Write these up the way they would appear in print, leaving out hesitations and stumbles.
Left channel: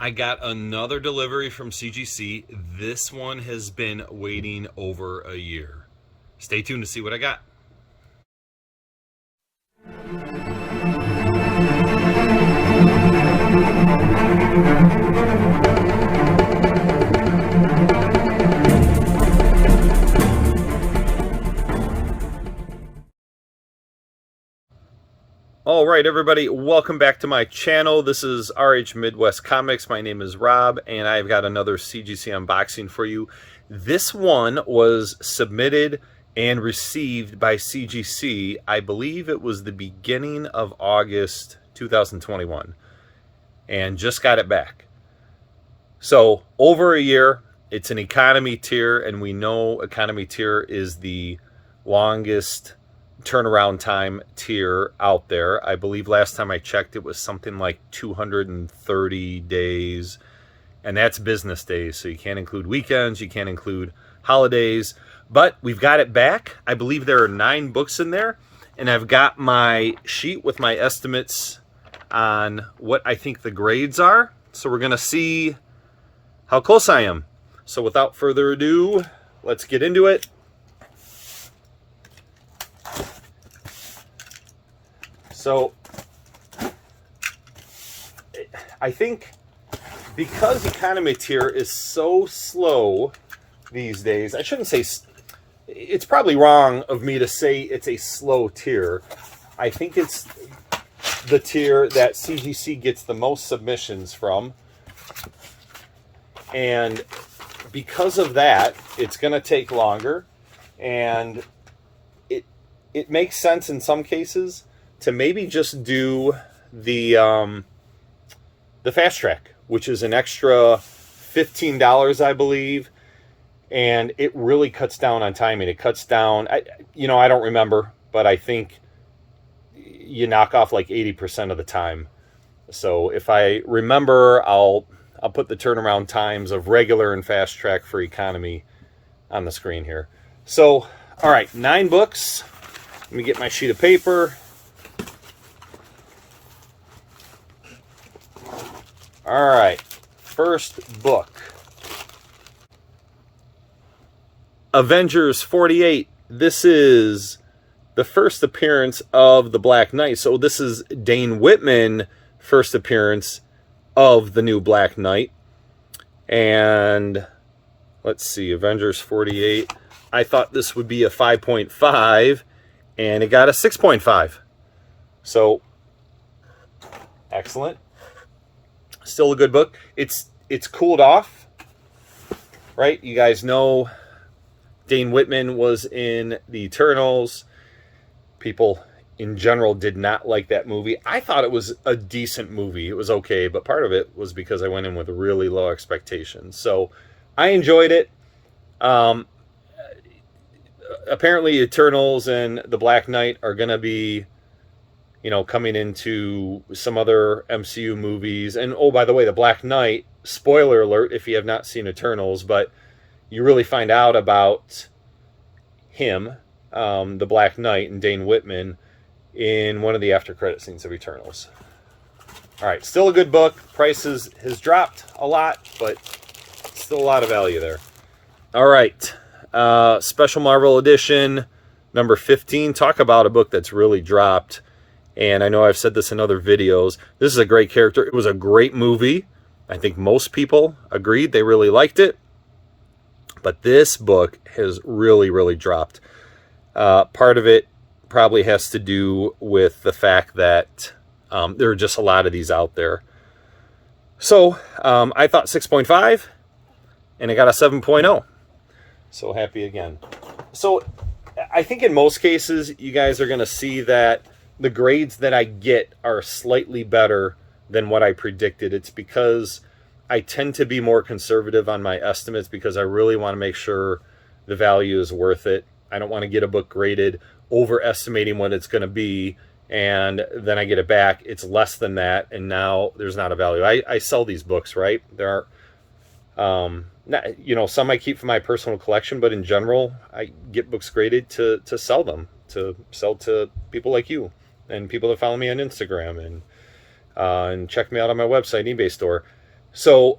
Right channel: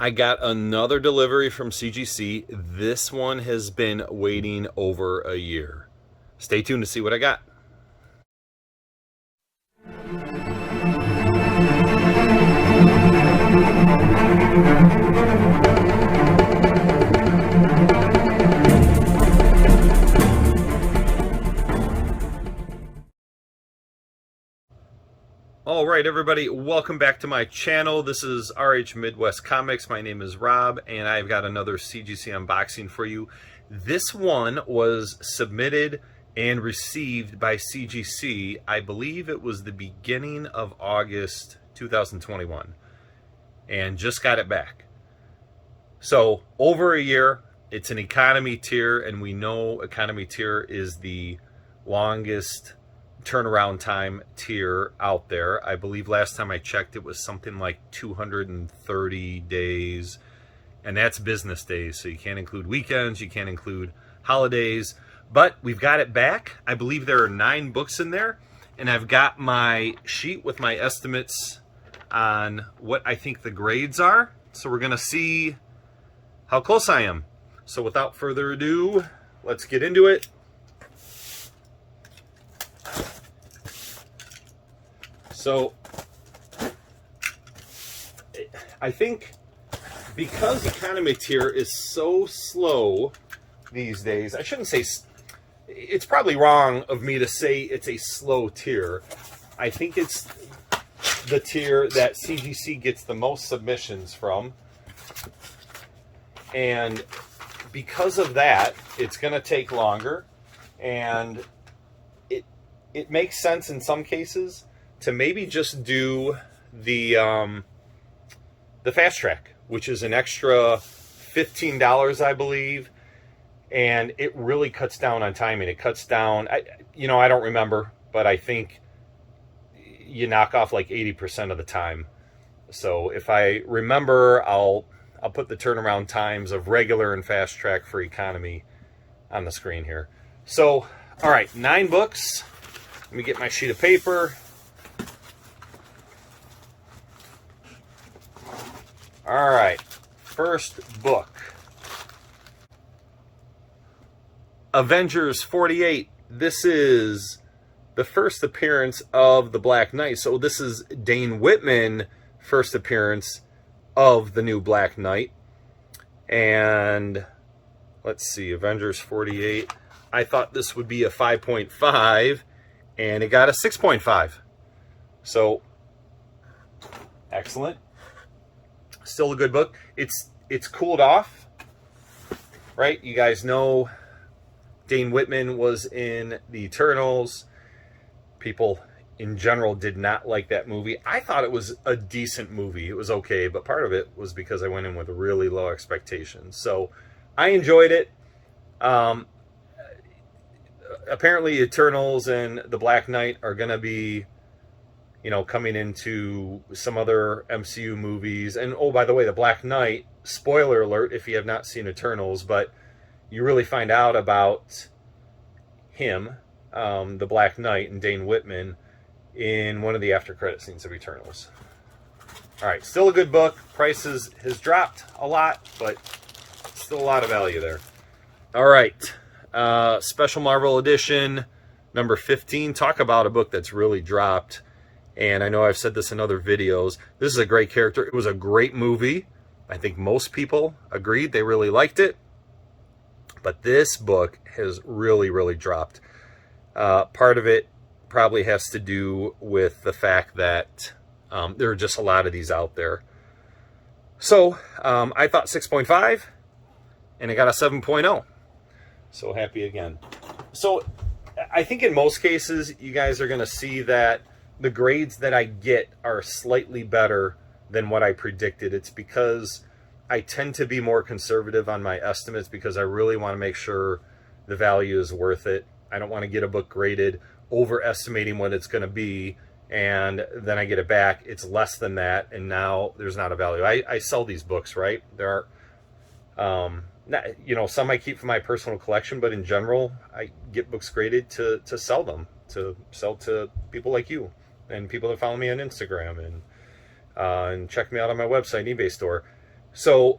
I got another delivery from CGC. This one has been waiting over a year. Stay tuned to see what I got. All right, everybody, welcome back to my channel. This is RH Midwest Comics. My name is Rob, and I've got another CGC unboxing for you. This one was submitted and received by CGC. I believe it was the beginning of August 2021, and just got it back. So over a year. It's an economy tier, and we know economy tier is the longest turnaround time tier out there. I believe last time I checked it was something like 230 days, and that's business days, so you can't include weekends, you can't include holidays. But we've got it back. I believe there are 9 books in there, and I've got my sheet with my estimates on what I think the grades are, so we're gonna see how close I am. So without further ado, let's get into it. So I think because economy tier is so slow these days, I shouldn't say, it's probably wrong of me to say it's a slow tier. I think it's the tier that CGC gets the most submissions from. And because of that, it's going to take longer, and it makes sense in some cases to maybe just do the fast track, which is an extra $15, I believe, and it really cuts down on timing. It cuts down, I don't remember, but I think you knock off like 80% of the time. So if I remember, I'll put the turnaround times of regular and fast track for economy on the screen here. So, all right, 9 books. Let me get my sheet of paper. All right, first book. Avengers 48. This is the first appearance of the Black Knight. So this is Dane Whitman' first appearance of the new Black Knight. And let's see, Avengers 48. I thought this would be a 5.5, and it got a 6.5. So excellent. Still a good book. It's cooled off, right? You guys know Dane Whitman was in the Eternals. People in general did not like that movie. I thought it was a decent movie. It was okay, but part of it was because I went in with really low expectations. So I enjoyed it. Apparently Eternals and the Black Knight are going to be, coming into some other MCU movies. And oh, by the way, the Black Knight, spoiler alert if you have not seen Eternals, but you really find out about him, the Black Knight, and Dane Whitman in one of the after credit scenes of Eternals. All right, still a good book. Price has dropped a lot, but still a lot of value there. All right, Special Marvel Edition, number 15. Talk about a book that's really dropped. And I know I've said this in other videos. This is a great character. It was a great movie. I think most people agreed. They really liked it. But this book has really, really dropped. Part of it probably has to do with the fact that there are just a lot of these out there. So I thought 6.5, and I got a 7.0. So happy again. So I think in most cases, you guys are going to see that the grades that I get are slightly better than what I predicted. It's because I tend to be more conservative on my estimates because I really want to make sure the value is worth it. I don't want to get a book graded overestimating what it's going to be, and then I get it back, it's less than that, and now there's not a value. I sell these books, right? There are some I keep for my personal collection, but in general I get books graded to sell them, to sell to people like you and people that follow me on Instagram and check me out on my website, eBay store. So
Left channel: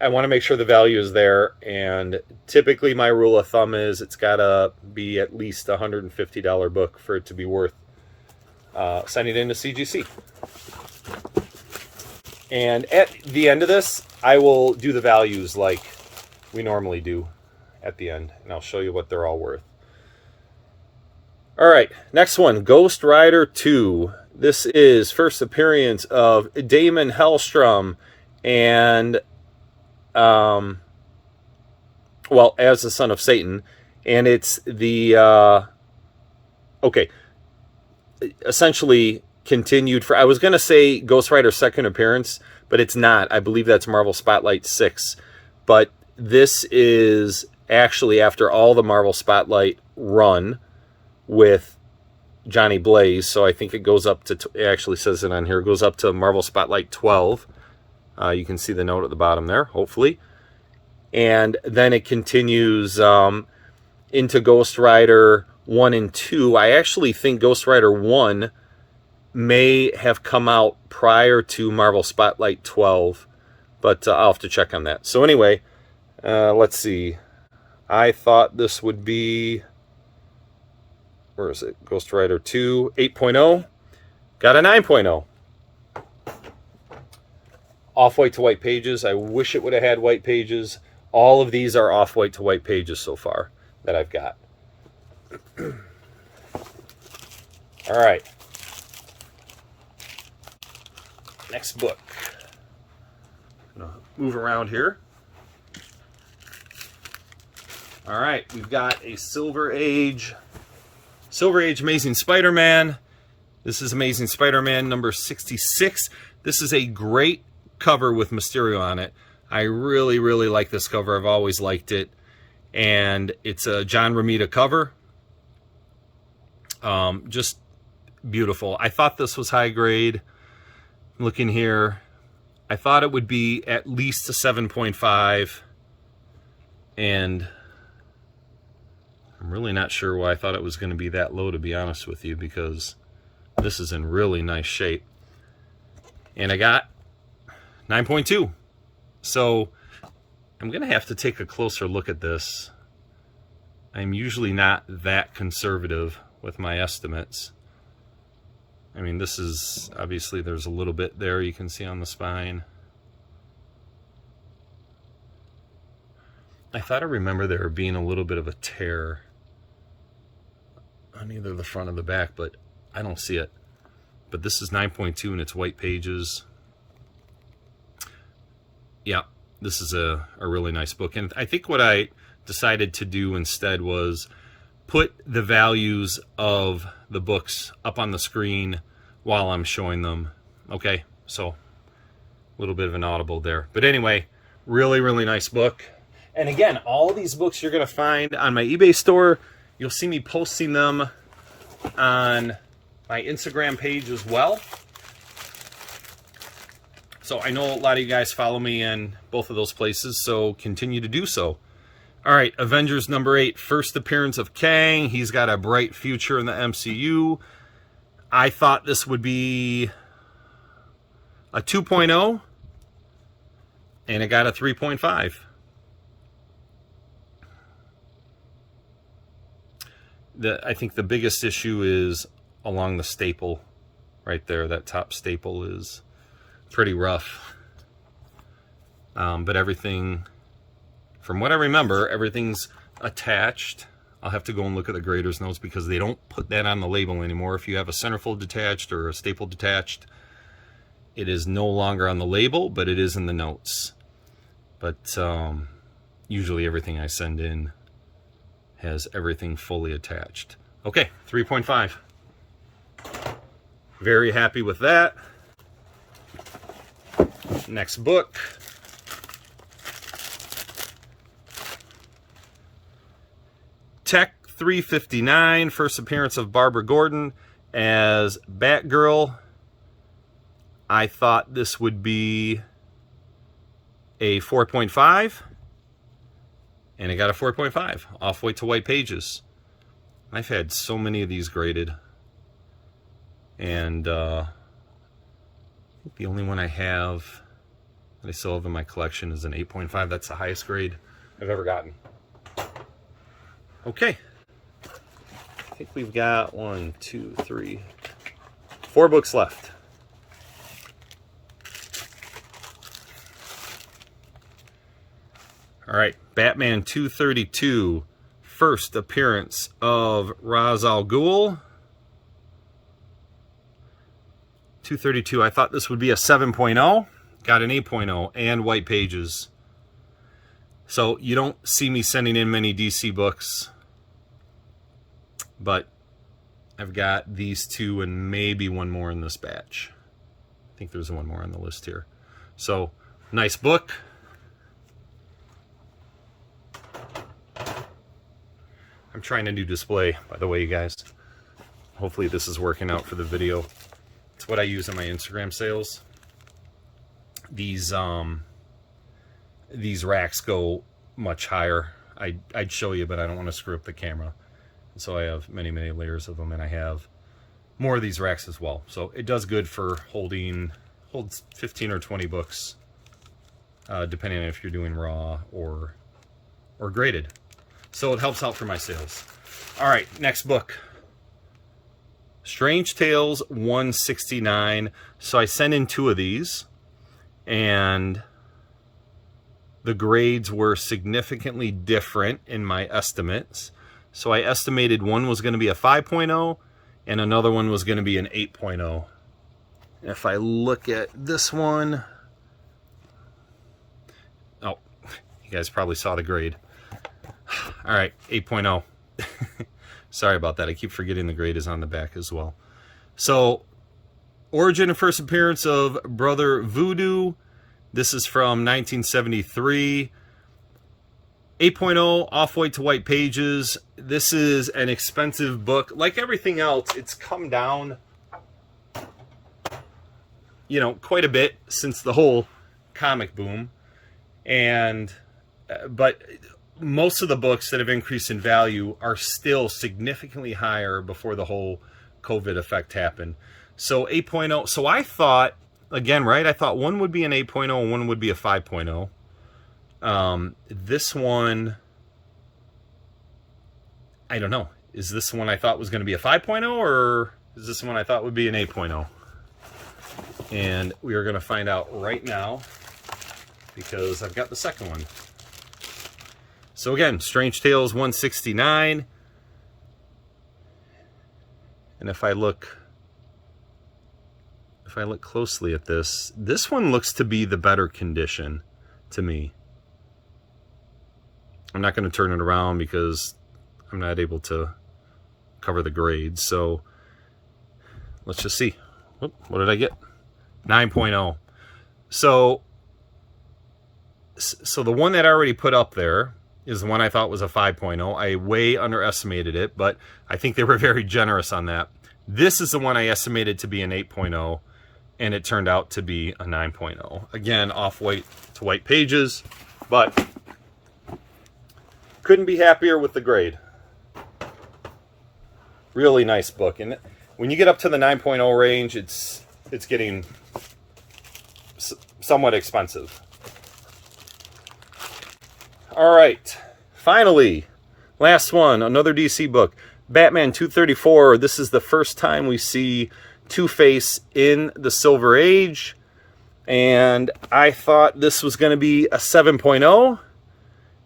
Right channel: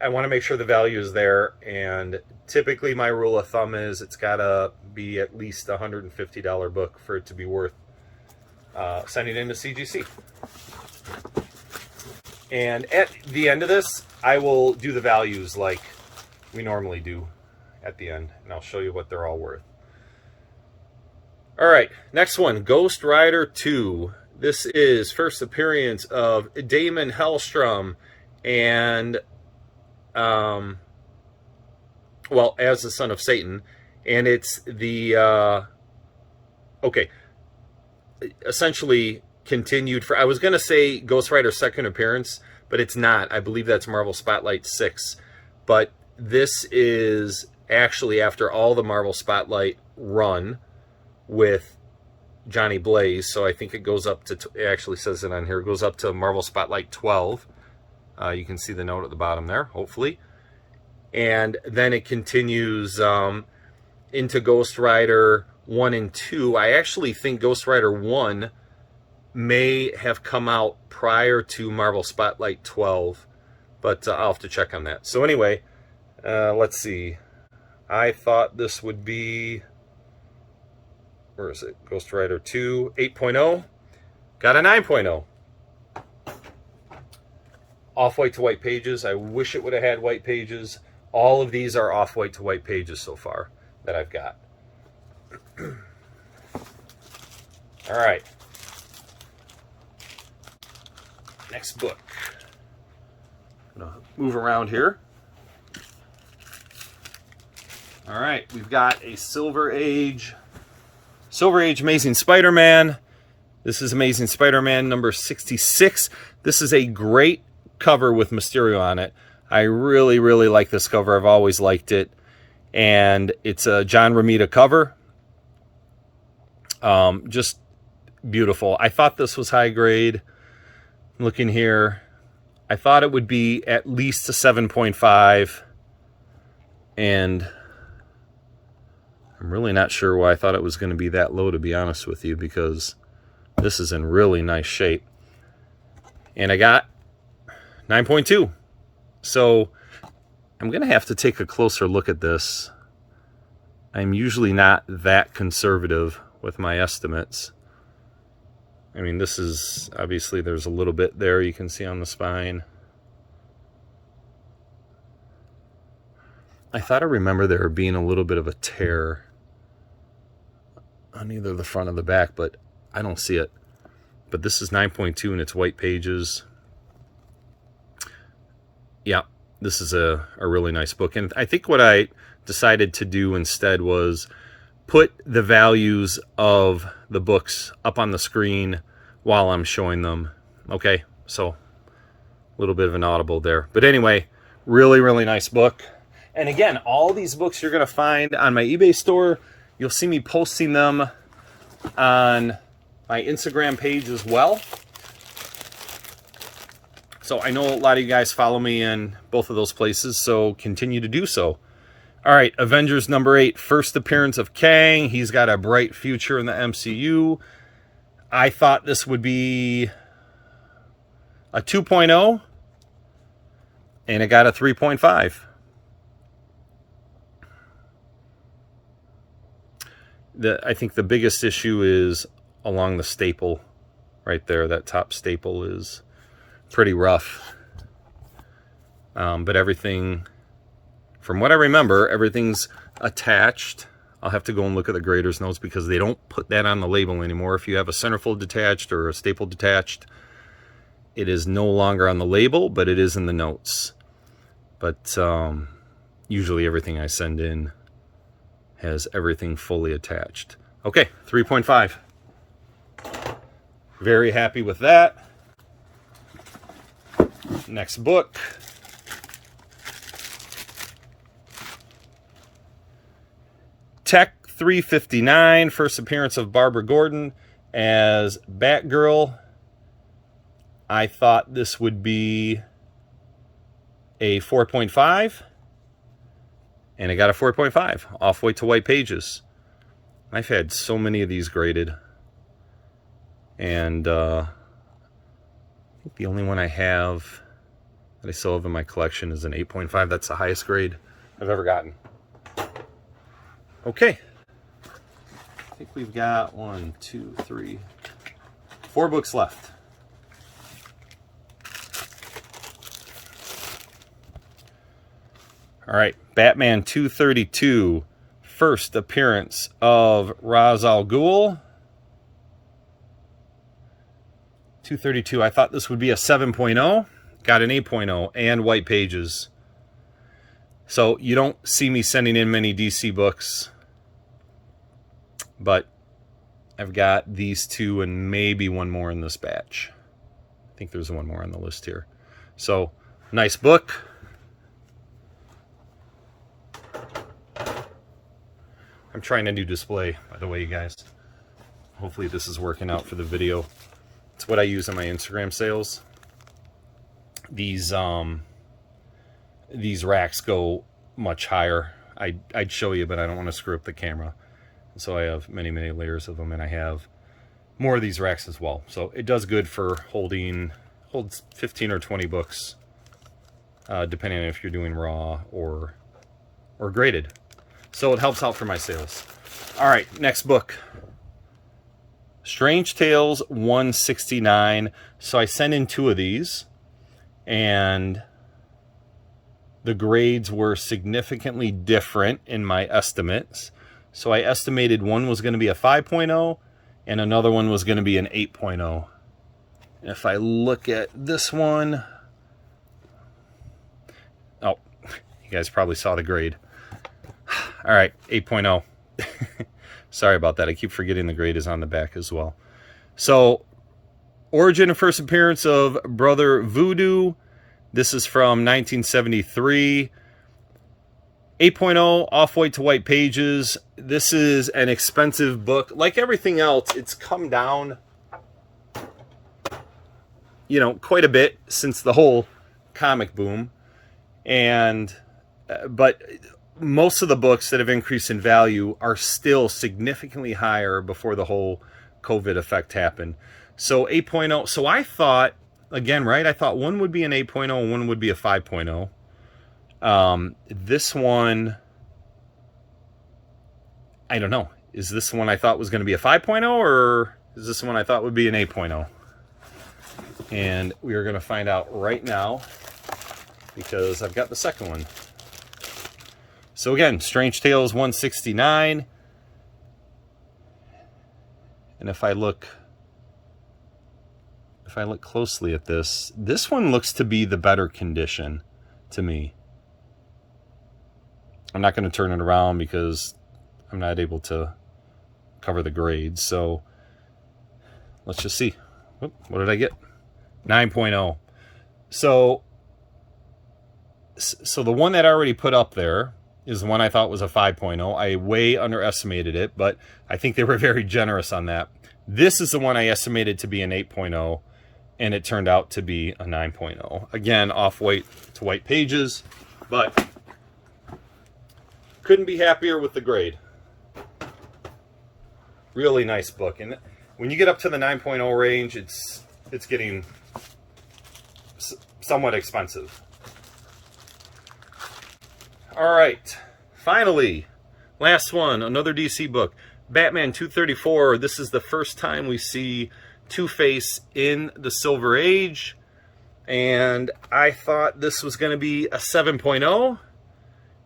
I want to make sure the value is there, and typically my rule of thumb is it's got to be at least a $150 book for it to be worth sending into CGC. And at the end of this, I will do the values like we normally do at the end, and I'll show you what they're all worth. All right, next one, Ghost Rider 2. This is first appearance of Damon Hellstrom and, well, as the son of Satan. And it's the, okay, essentially continued for, I was going to say Ghost Rider's second appearance, but it's not. I believe that's Marvel Spotlight 6. But this is actually after all the Marvel Spotlight run with Johnny Blaze, so I think it goes up to, it actually says it on here, it goes up to Marvel Spotlight 12. You can see the note at the bottom there, hopefully. And then it continues into Ghost Rider 1 and 2. I actually think Ghost Rider 1 may have come out prior to Marvel Spotlight 12, but I'll have to check on that. So anyway, let's see. I thought this would be, where is it? Ghost Rider 2, 8.0. Got a 9.0. Off-white to white pages. I wish it would have had white pages. All of these are off-white to white pages so far that I've got. All right. Next book. I'm gonna move around here. All right, we've got a Silver Age Amazing Spider-Man. This is Amazing Spider-Man number 66. This is a great cover with Mysterio on it. I really, really like this cover. I've always liked it. And it's a John Romita cover. Just beautiful. I thought this was high grade. Looking here, I thought it would be at least a 7.5. And I'm really not sure why I thought it was going to be that low, to be honest with you, because this is in really nice shape. And I got 9.2. So I'm going to have to take a closer look at this. I'm usually not that conservative with my estimates. I mean, this is, obviously there's a little bit there you can see on the spine. I thought I remember there being a little bit of a tear on either the front or the back, but I don't see it. But this is 9.2 and it's white pages. Yeah, this is a really nice book. And I think what I decided to do instead was put the values of the books up on the screen while I'm showing them. Okay, so a little bit of an audible there. But anyway, really, really nice book. And again, all these books you're going to find on my eBay store. You'll see me posting them on my Instagram page as well. So I know a lot of you guys follow me in both of those places, so continue to do so. All right, Avengers number 8, first appearance of Kang. He's got a bright future in the MCU. I thought this would be a 2.0, and it got a 3.5. I think the biggest issue is along the staple right there. That top staple is pretty rough. But everything, from what I remember, everything's attached. I'll have to go and look at the grader's notes because they don't put that on the label anymore. If you have a centerfold detached or a staple detached, it is no longer on the label, but it is in the notes. But usually everything I send in has everything fully attached. Okay, 3.5. Very happy with that. Next book. Tech 359, first appearance of Barbara Gordon as Batgirl. I thought this would be a 4.5. And I got a 4.5, off-white to white pages. I've had so many of these graded. And I think the only one I have that I still have in my collection is an 8.5. That's the highest grade I've ever gotten. Okay. I think we've got 1, 2, 3, 4 books left. All right, Batman 232, first appearance of Ra's al Ghul. 232, I thought this would be a 7.0, got an 8.0 and white pages. So you don't see me sending in many DC books, but I've got these two and maybe one more in this batch. I think there's one more on the list here. So, nice book. I'm trying a new display, by the way, you guys. Hopefully this is working out for the video. It's what I use in my Instagram sales. These racks go much higher. I'd show you, but I don't want to screw up the camera. And so I have many, many layers of them, and I have more of these racks as well. So it does good for holds 15 or 20 books, depending on if you're doing raw or graded. So it helps out for my sales. All right, next book. Strange Tales 169. So I sent in 2 of these, and the grades were significantly different in my estimates. So I estimated one was going to be a 5.0 and another one was going to be an 8.0. If I look at this one, oh, you guys probably saw the grade. All right, 8.0. Sorry about that. I keep forgetting the grade is on the back as well. So, origin and first appearance of Brother Voodoo. This is from 1973. 8.0, off-white to white pages. This is an expensive book. Like everything else, it's come down, you know, quite a bit since the whole comic boom. And, but most of the books that have increased in value are still significantly higher before the whole COVID effect happened. So 8.0, so I thought, again, right, I thought one would be an 8.0 and one would be a 5.0. This one, I don't know. Is this one I thought was going to be a 5.0 or is this one I thought would be an 8.0? And we are going to find out right now because I've got the second one. So again, Strange Tales 169. And if I look closely at this, this one looks to be the better condition to me. I'm not going to turn it around because I'm not able to cover the grades. So let's just see. Oop, what did I get? 9.0. So the one that I already put up there is the one I thought was a 5.0. I way underestimated it, but I think they were very generous on that. This is the one I estimated to be an 8.0, and it turned out to be a 9.0. Again, off-white to white pages, but couldn't be happier with the grade. Really nice book. And when you get up to the 9.0 range, it's getting somewhat expensive. All right, finally, last one, another DC book, Batman 234. This is the first time we see Two-Face in the Silver Age, and I thought this was going to be a 7.0,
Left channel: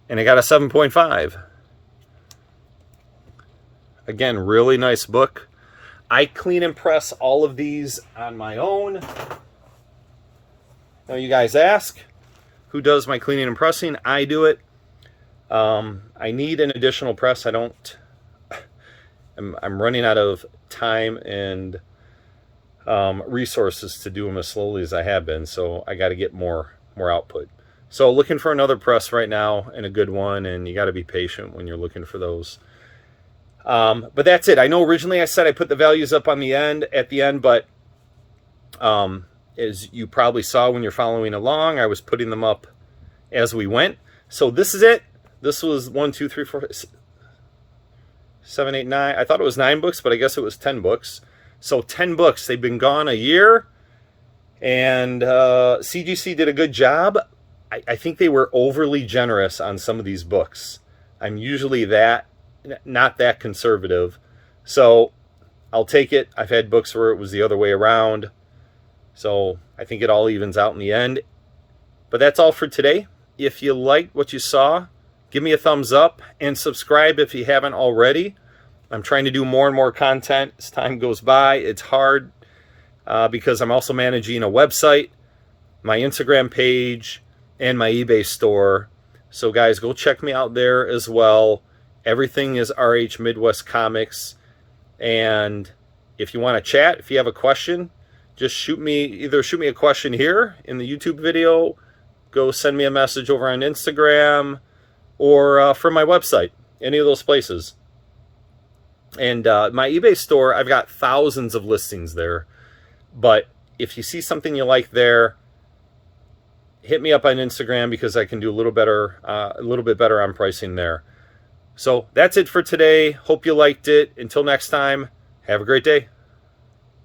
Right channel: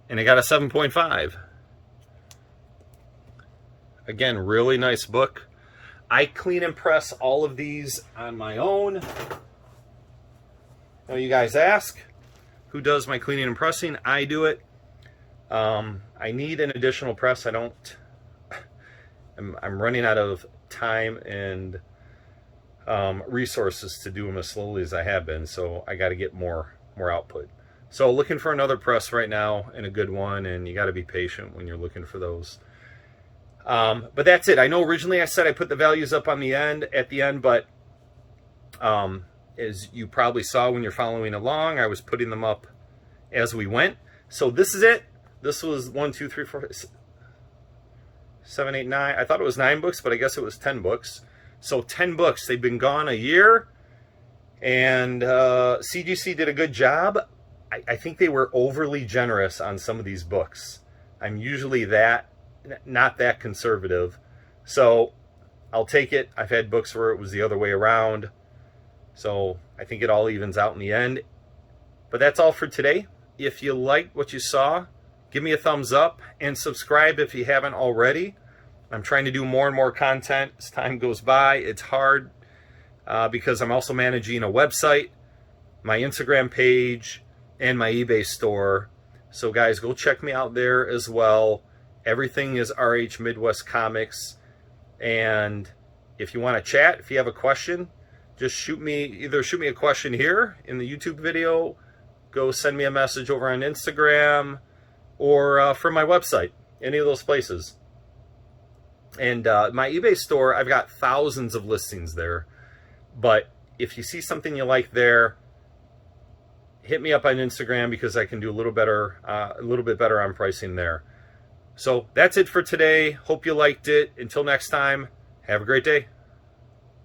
and I got a 7.5. Again, really nice book. I clean and press all of these on my own. Now you guys ask, who does my cleaning and pressing? I do it. I need an additional press. I'm running out of time and resources to do them as slowly as I have been, so I got to get more output. So looking for another press right now, and a good one, and you got to be patient when you're looking for those. But that's it. I know originally I said I put the values up on the end, but as you probably saw when you're following along, I was putting them up as we went. So this is it. This was 1, 2, 3, 4, 7, 8, 9. I thought it was 9 books, but I guess it was 10 books. So 10 books. They've been gone a year, And CGC did a good job. I think they were overly generous on some of these books. I'm usually not that conservative. So I'll take it. I've had books where it was the other way around. So I think it all evens out in the end. But that's all for today. If you liked what you saw, give me a thumbs up and subscribe if you haven't already. I'm trying to do more and more content as time goes by. It's hard because I'm also managing a website, my Instagram page, and my eBay store. So guys, go check me out there as well. Everything is RH Midwest Comics. And if you want to chat, if you have a question, just shoot me a question here in the YouTube video, go send me a message over on Instagram, or from my website, any of those places. And my eBay store, I've got thousands of listings there. But if you see something you like there, hit me up on Instagram because I can do a little bit better on pricing there. So that's it for today. Hope you liked it. Until next time, have a great day.